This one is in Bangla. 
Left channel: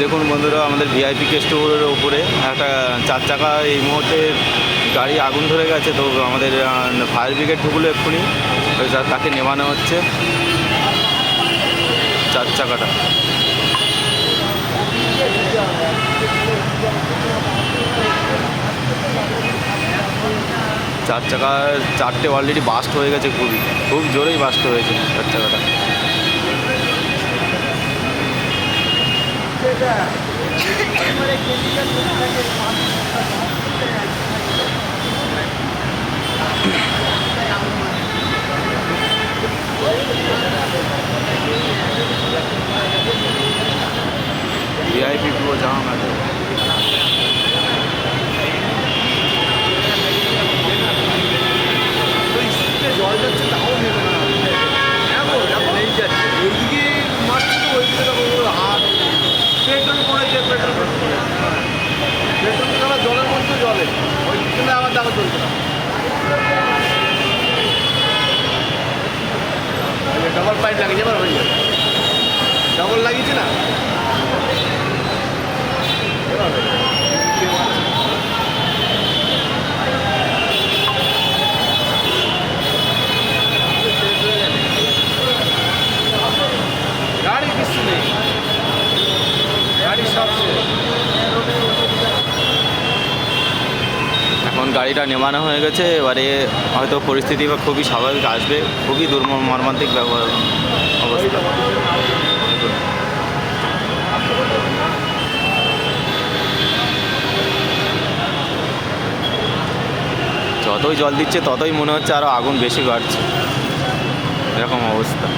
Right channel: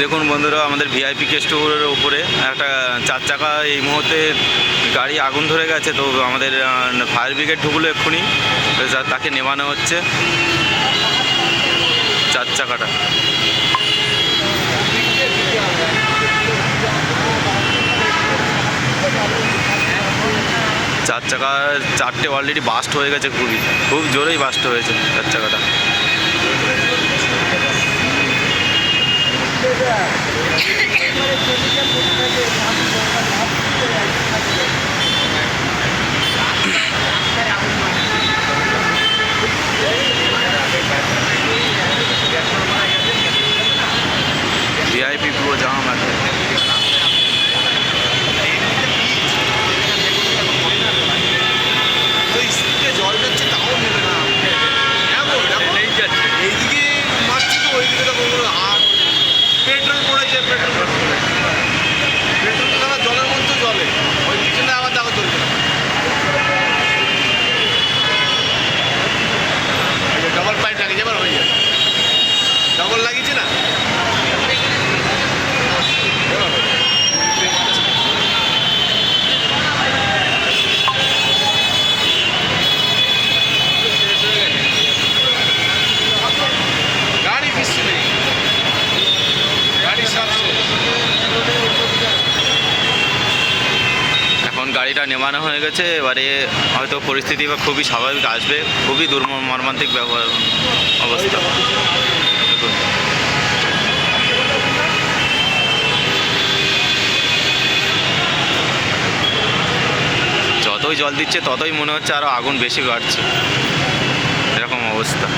দেখুন বন্ধুরা, আমাদের ভিআইপি কেস্টোরের উপরে একটা 4 চাকা এই মুহূর্তে গাড়ি আগুন ধরে গেছে। তো আমাদের ফায়ার ব্রিগেড ঢুকলো এক্ষুনি, তাকে নেভানো হচ্ছে 4 চাকাটা। চার চাকা 4টে অলরেডি বাস্ট হয়ে গেছে, খুব জোরেই বাস্ট হয়েছে 4 চাকাটা। ভিআইপি পুরো জাম আছে। জল দিচ্ছে তাও এইদিকে মারছে তো ওইদিকে হাট পেট্রোল পড়েছে, পেট্রোল আবার জলের মধ্যে জলে ওই পিছনে আবার দাও চলবে ডবল পাইপ লাগিয়েছে, এবার হয়ে যাবে। ডবল লাগিয়েছে না, এখন গাড়িটা নেমানো হয়ে গেছে। এবারে হয়তো পরিস্থিতি বা খুবই স্বাভাবিক আসবে। খুবই মর্মান্তিক ব্যবহার অবস্থা। দেখুন, যতই জল দিচ্ছে ততই মনে হচ্ছে আরও আগুন বেশি বাড়ছে, এরকম অবস্থা।